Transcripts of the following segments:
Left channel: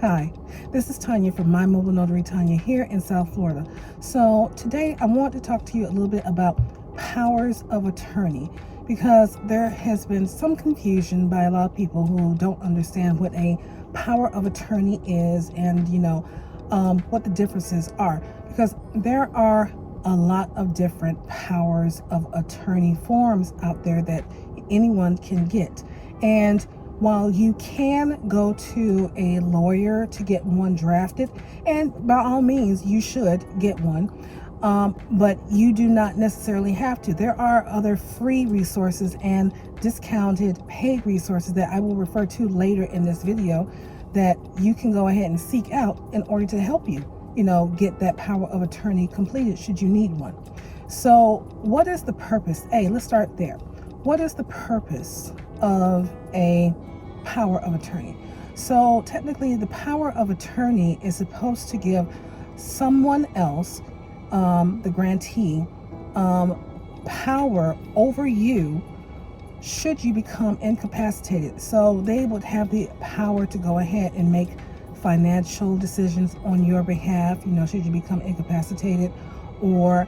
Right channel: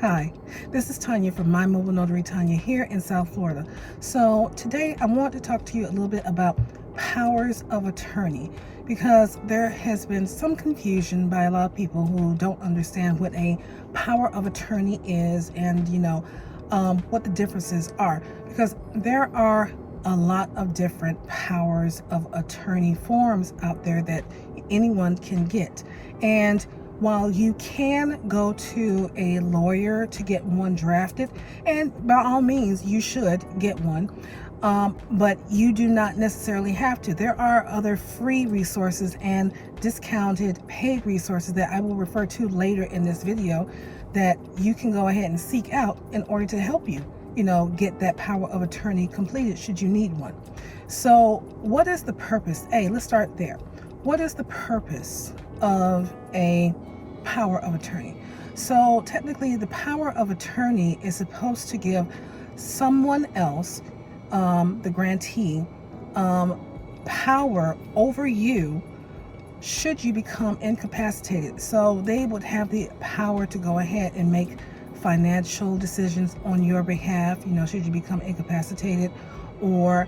Hi, this is Tanya from My Mobile Notary Tanya here in South Florida. So today I want to talk to you a little bit about powers of attorney, because there has been some confusion by a lot of people who don't understand what a power of attorney is and what the differences are, because there are a lot of different powers of attorney forms out there that anyone can get. And while you can go to a lawyer to get one drafted, and by all means you should get one, but you do not necessarily have to. There are other free resources and discounted paid resources that I will refer to later in this video that you can go ahead and seek out in order to help you, get that power of attorney completed should you need one. So what is the purpose? Let's start there. What is the purpose of a power of attorney? So technically the power of attorney is supposed to give someone else, the grantee, power over you should you become incapacitated. So they would have the power to go ahead and make financial decisions on your behalf, should you become incapacitated, or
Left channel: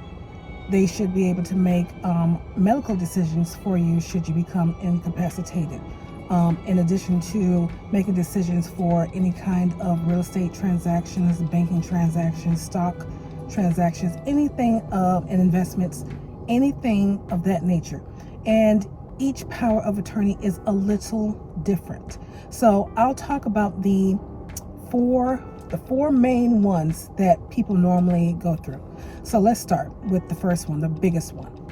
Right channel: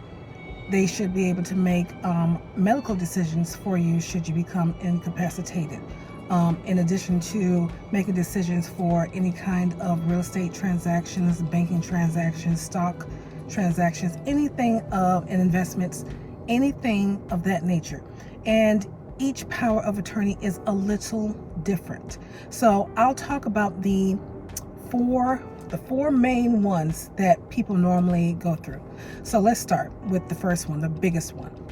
they should be able to make medical decisions for you should you become incapacitated. In addition to making decisions for any kind of real estate transactions, banking transactions, stock transactions, anything and investments, anything of that nature. And each power of attorney is a little different. So I'll talk about the four main ones that people normally go through. So let's start with the first one, the biggest one,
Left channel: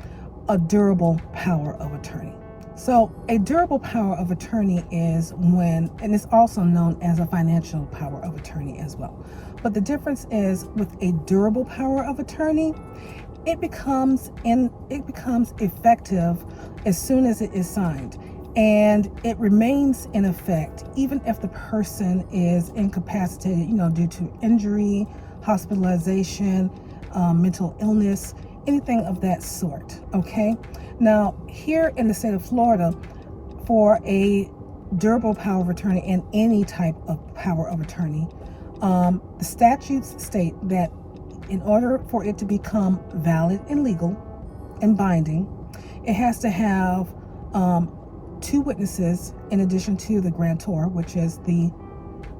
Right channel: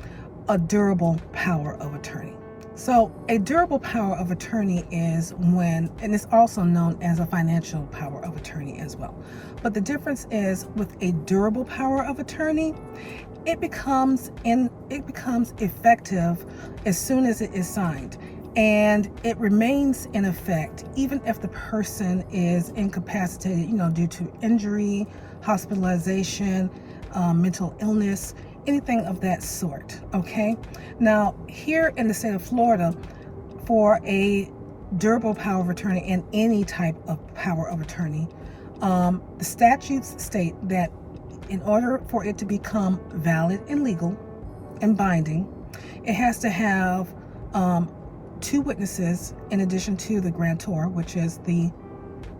a durable power of attorney. So a durable power of attorney is when, and it's also known as a financial power of attorney as well. But the difference is with a durable power of attorney, it becomes effective as soon as it is signed. And it remains in effect even if the person is incapacitated, due to injury, hospitalization, mental illness, anything of that sort. Okay. Now, here in the state of Florida, for a durable power of attorney and any type of power of attorney, the statutes state that in order for it to become valid and legal and binding, it has to have two witnesses in addition to the grantor, which is the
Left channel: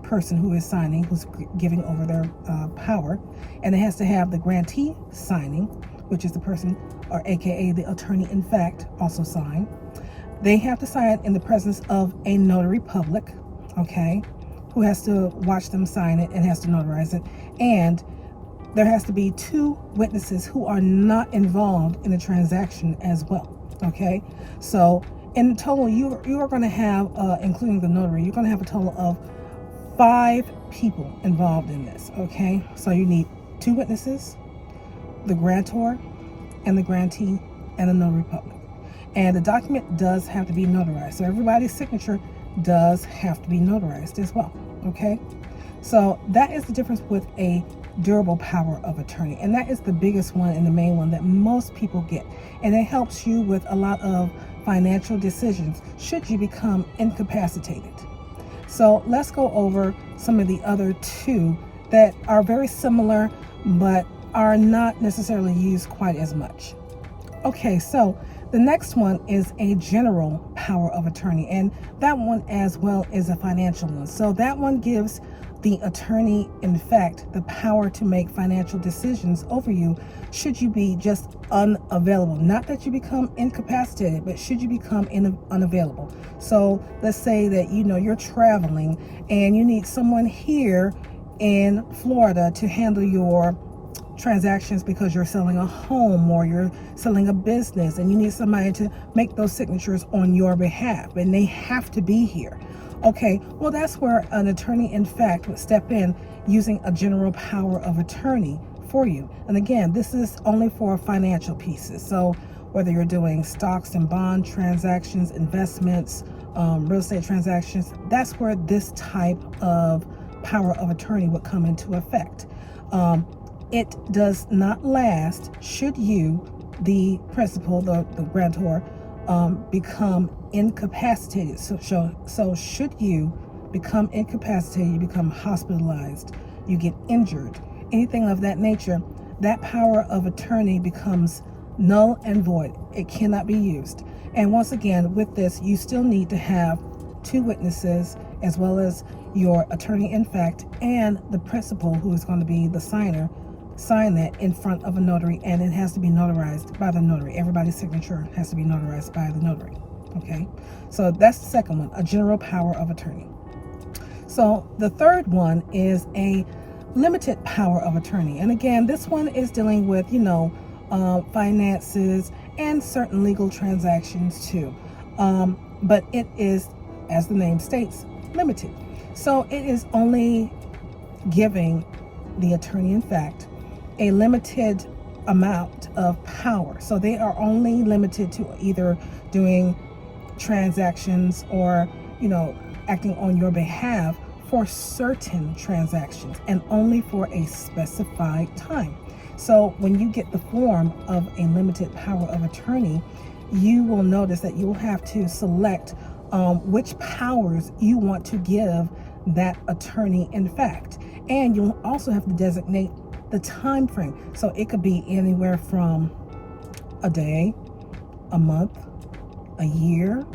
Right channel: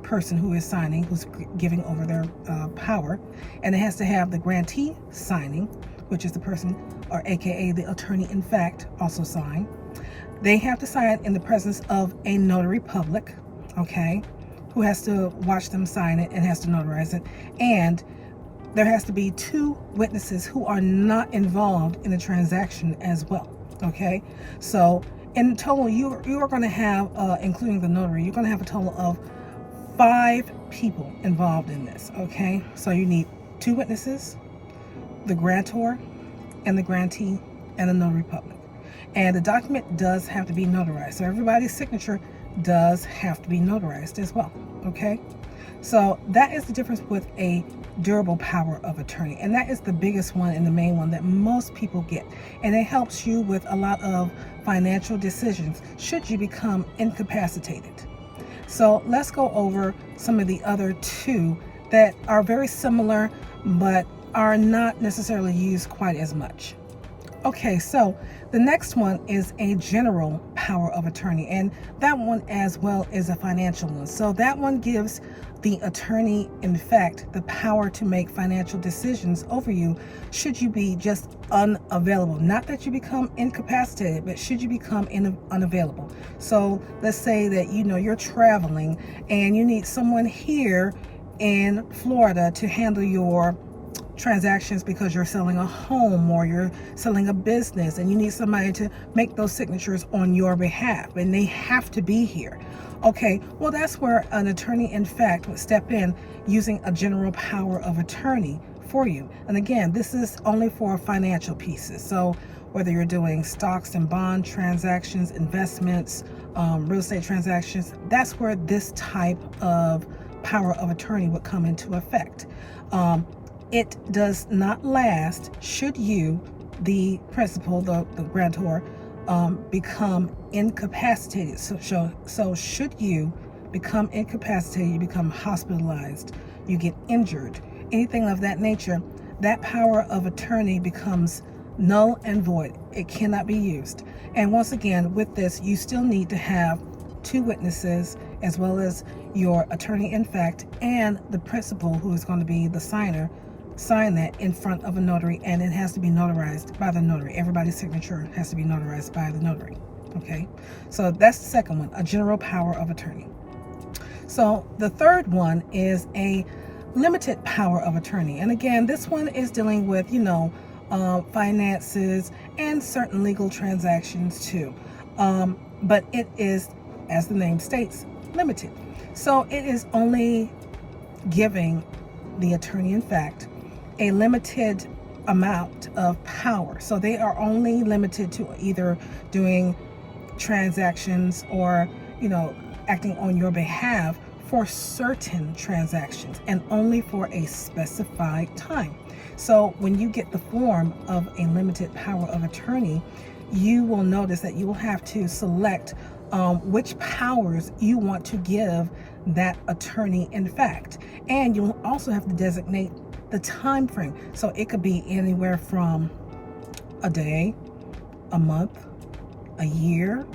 person who is signing, who's giving over their power, and it has to have the grantee signing, which is the person, or aka the attorney in fact, also sign. They have to sign in the presence of a notary public, okay, who has to watch them sign it and has to notarize it. And there has to be two witnesses who are not involved in the transaction as well, okay? So in total, you are going to have, including the notary, you're going to have a total of 5 people involved in this, okay? So you need 2 witnesses, the grantor and the grantee, and the notary public. And the document does have to be notarized. So everybody's signature does have to be notarized as well, okay? So that is the difference with a durable power of attorney. And that is the biggest one and the main one that most people get. And it helps you with a lot of financial decisions should you become incapacitated. So let's go over some of the other 2 that are very similar but are not necessarily used quite as much. Okay, so the next one is a general power of attorney, and that one as well is a financial one. So that one gives the attorney, in fact, the power to make financial decisions over you should you be just unavailable. Not that you become incapacitated, but should you become unavailable. So let's say that you're traveling and you need someone here in Florida to handle your transactions because you're selling a home or you're selling a business, and you need somebody to make those signatures on your behalf, and they have to be here. Okay, well, that's where an attorney in fact would step in using a general power of attorney for you. And again, this is only for financial pieces. So whether you're doing stocks and bond transactions, investments, real estate transactions, that's where this type of power of attorney would come into effect. it does not last should you, the principal, the grantor, become incapacitated. So should you become incapacitated, you become hospitalized, you get injured, anything of that nature, that power of attorney becomes null and void. It cannot be used. And once again, with this, you still need to have 2 witnesses, as well as your attorney in fact and the principal, who is going to be the signer, sign that in front of a notary, and it has to be notarized by the notary. Everybody's signature has to be notarized by the notary. Okay, so that's the second one, a general power of attorney. So the third one is a limited power of attorney. And again, this one is dealing with, finances and certain legal transactions too. But it is, as the name states, limited. So it is only giving the attorney in fact a limited amount of power. So they are only limited to either doing transactions or, acting on your behalf for certain transactions, and only for a specified time. So when you get the form of a limited power of attorney, you will notice that you will have to select which powers you want to give that attorney in fact. And you'll also have to designate the time frame. So it could be anywhere from a day, a month, a year,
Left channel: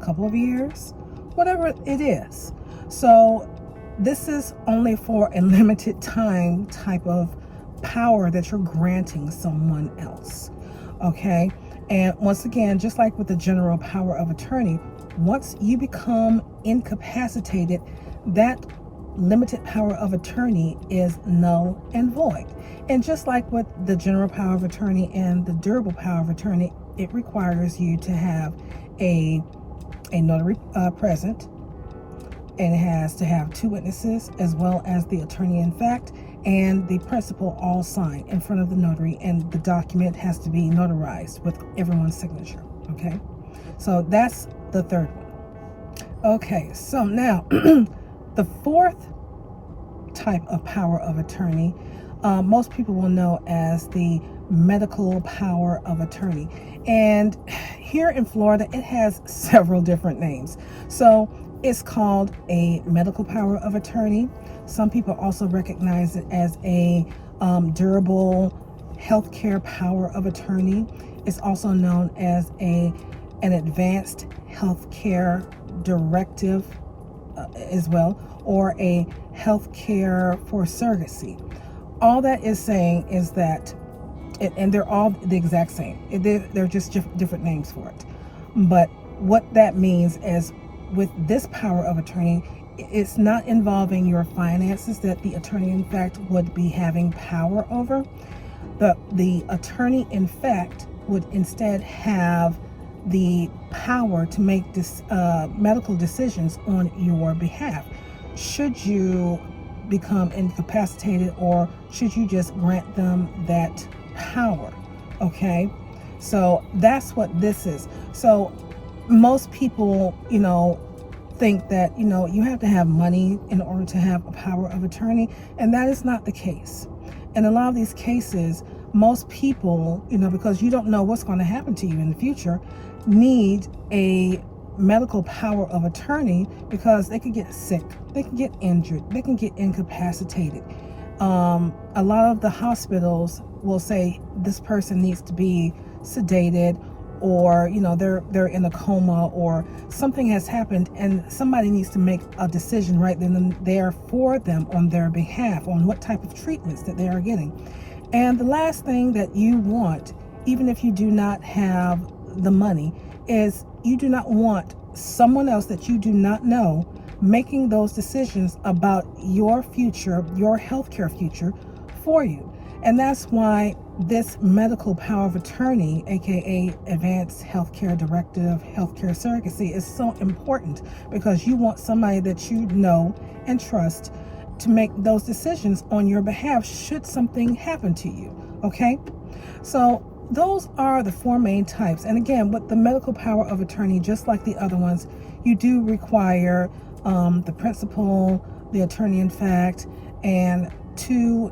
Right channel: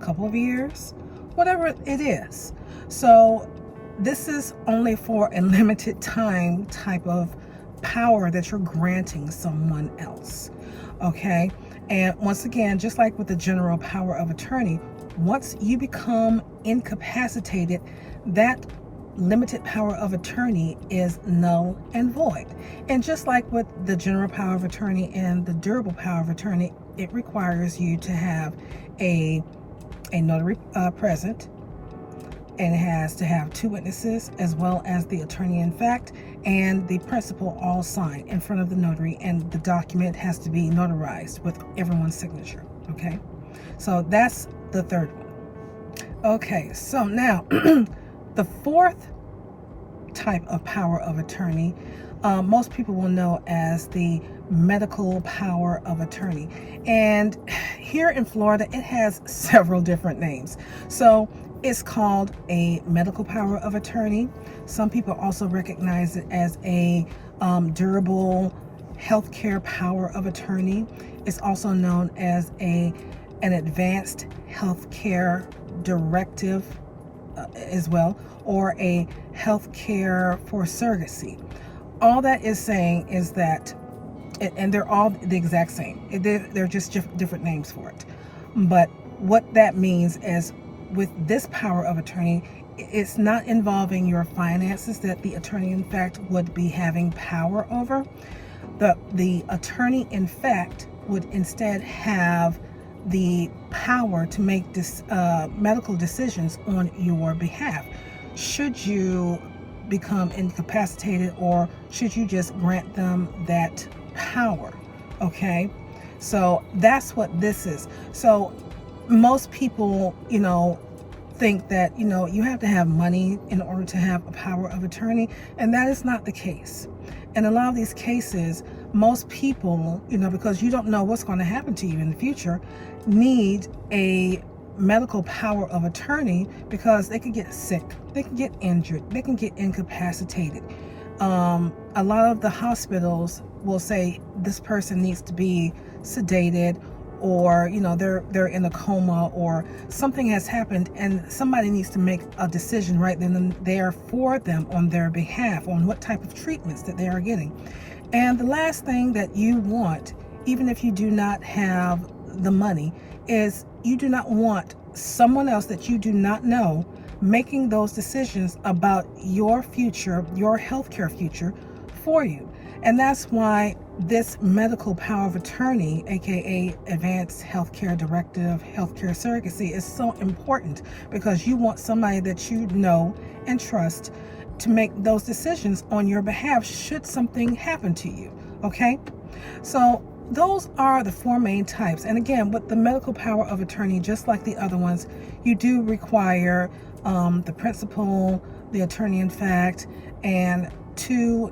a couple of years, whatever it is. So this is only for a limited time type of power that you're granting someone else. Okay. And once again, just like with the general power of attorney, once you become incapacitated, that limited power of attorney is null and void. And just like with the general power of attorney and the durable power of attorney, it requires you to have a notary present, and it has to have 2 witnesses, as well as the attorney in fact and the principal, all sign in front of the notary, and the document has to be notarized with everyone's signature. Okay, so that's the third one. Okay, so now the fourth type of power of attorney, most people will know as the medical power of attorney. And here in Florida, it has several different names. So it's called a medical power of attorney. Some people also recognize it as a durable healthcare power of attorney. It's also known as an advanced healthcare directive as well, or a healthcare for surrogacy. All that is saying is that, and they're all the exact same. They're just different names for it. But what that means is, with this power of attorney, it's not involving your finances that the attorney in fact would be having power over. The attorney in fact would instead have the power to make medical decisions on your behalf. Should you become incapacitated, or should you just grant them that power? Okay, so that's what this is. So most people, think that, you have to have money in order to have a power of attorney, and that is not the case. In a lot of these cases, most people, because you don't know what's going to happen to you in the future, need a medical power of attorney, because they could get sick, they can get injured, they can get incapacitated. A lot of the hospitals will say this person needs to be sedated, or they're in a coma, or something has happened, and somebody needs to make a decision right then and there for them on their behalf on what type of treatments that they are getting. And the last thing that you want, even if you do not have the money, is you do not want someone else that you do not know making those decisions about your future, your healthcare future for you. And that's why this medical power of attorney, aka advanced healthcare directive, healthcare surrogacy, is so important, because you want somebody that you know and trust to make those decisions on your behalf should something happen to you. Okay, so those are the 4 main types. And again, with the medical power of attorney, just like the other ones, you do require the principal, the attorney in fact, and two,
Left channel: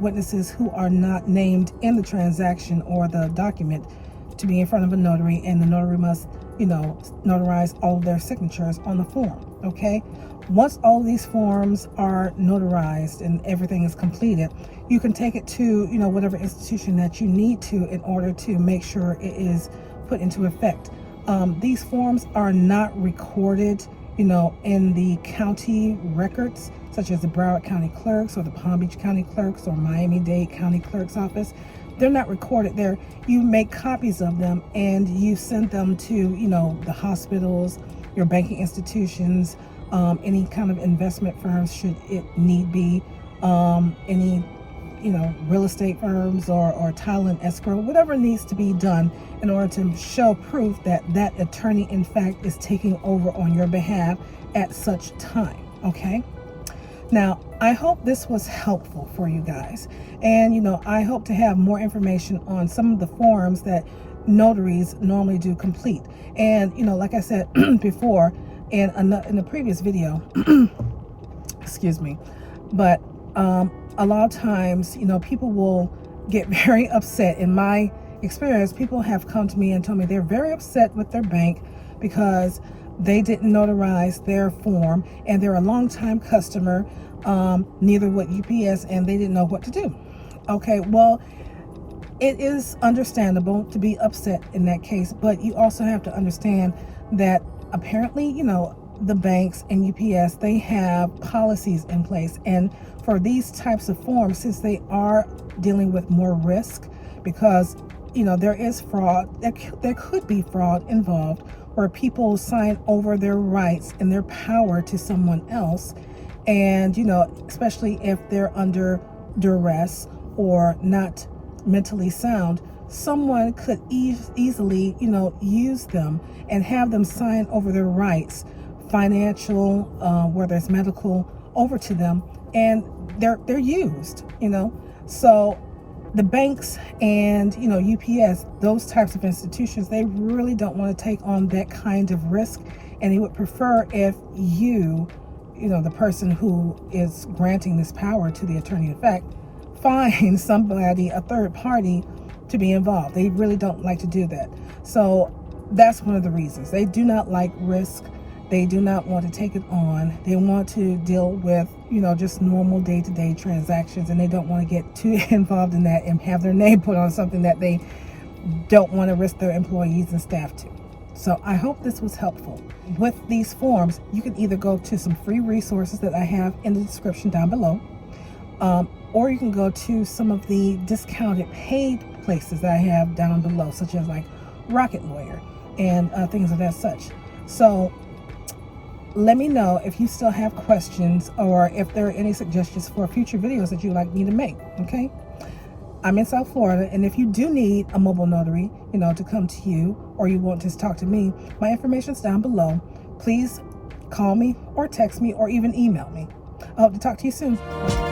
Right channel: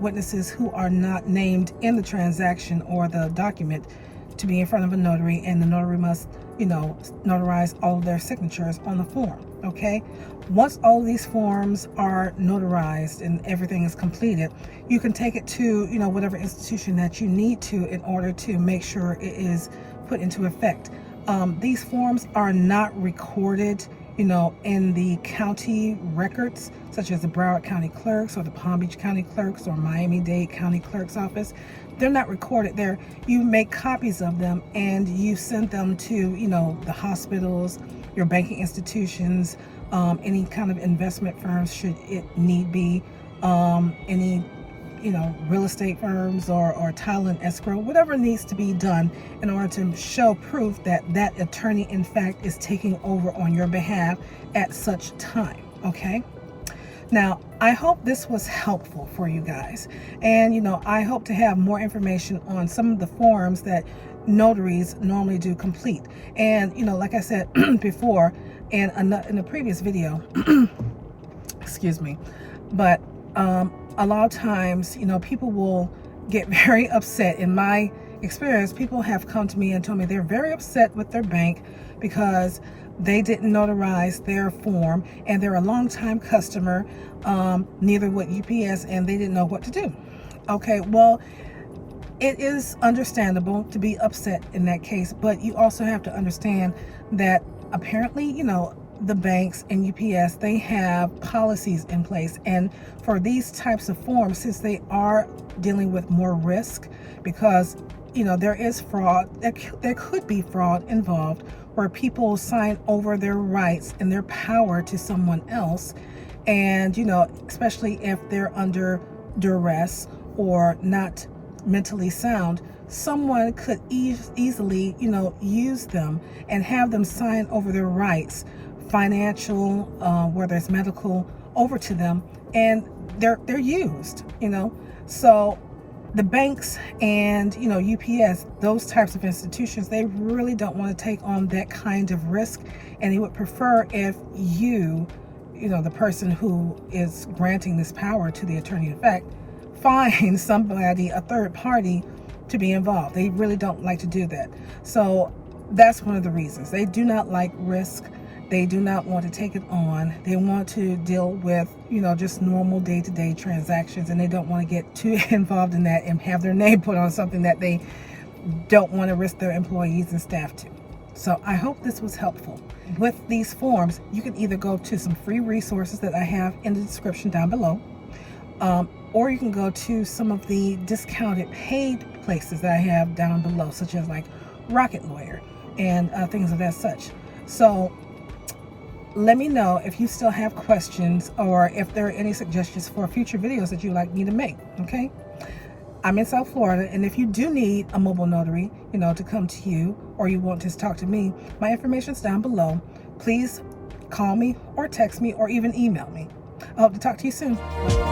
witnesses who are not named in the transaction or the document to be in front of a notary, and the notary must, notarize all of their signatures on the form. Okay. Once all of these forms are notarized and everything is completed, you can take it to, whatever institution that you need to in order to make sure it is put into effect. These forms are not recorded, in the county records, such as the Broward County Clerks or the Palm Beach County Clerks or Miami-Dade County Clerk's Office. They're not recorded there. You make copies of them and you send them to, the hospitals, your banking institutions, any kind of investment firms should it need be, any real estate firms or title and escrow, whatever needs to be done in order to show proof that that attorney in fact is taking over on your behalf at such time. Okay. Now, I hope this was helpful for you guys. And, I hope to have more information on some of the forms that notaries normally do complete. And, like I said before in the previous video, excuse me, but a lot of times, people will get very upset. In my experience, people have come to me and told me they're very upset with their bank because they didn't notarize their form, and they're a long-time customer, neither with UPS, and they didn't know what to do. Okay, well, it is understandable to be upset in that case, but you also have to understand that apparently, the banks and UPS, they have policies in place. And for these types of forms, since they are dealing with more risk, because, there is fraud, there could be fraud involved where people sign over their rights and their power to someone else. And, especially if they're under duress or not mentally sound, someone could easily, use them and have them sign over their rights, financial, whether it's medical, over to them, and they're used, So the banks and, UPS, those types of institutions, they really don't want to take on that kind of risk, and they would prefer if you, the person who is granting this power to the attorney in fact, find somebody, a third party, to be involved. They really don't like to do that. So that's one of the reasons. They do not like risk. They do not want to take it on. They want to deal with, just normal day-to-day transactions, and they don't want to get too involved in that and have their name put on something that they don't want to risk their employees and staff to. So I hope this was helpful. With these forms, you can either go to some free resources that I have in the description down below, or you can go to some of the discounted paid places that I have down below, such as like Rocket Lawyer and things of that such. So let me know if you still have questions or if there are any suggestions for future videos that you'd like me to make. Okay. I'm in South Florida, and if you do need a mobile notary, to come to you, or you want to talk to me, my information's down below. Please call me or text me or even email me. I hope to talk to you soon.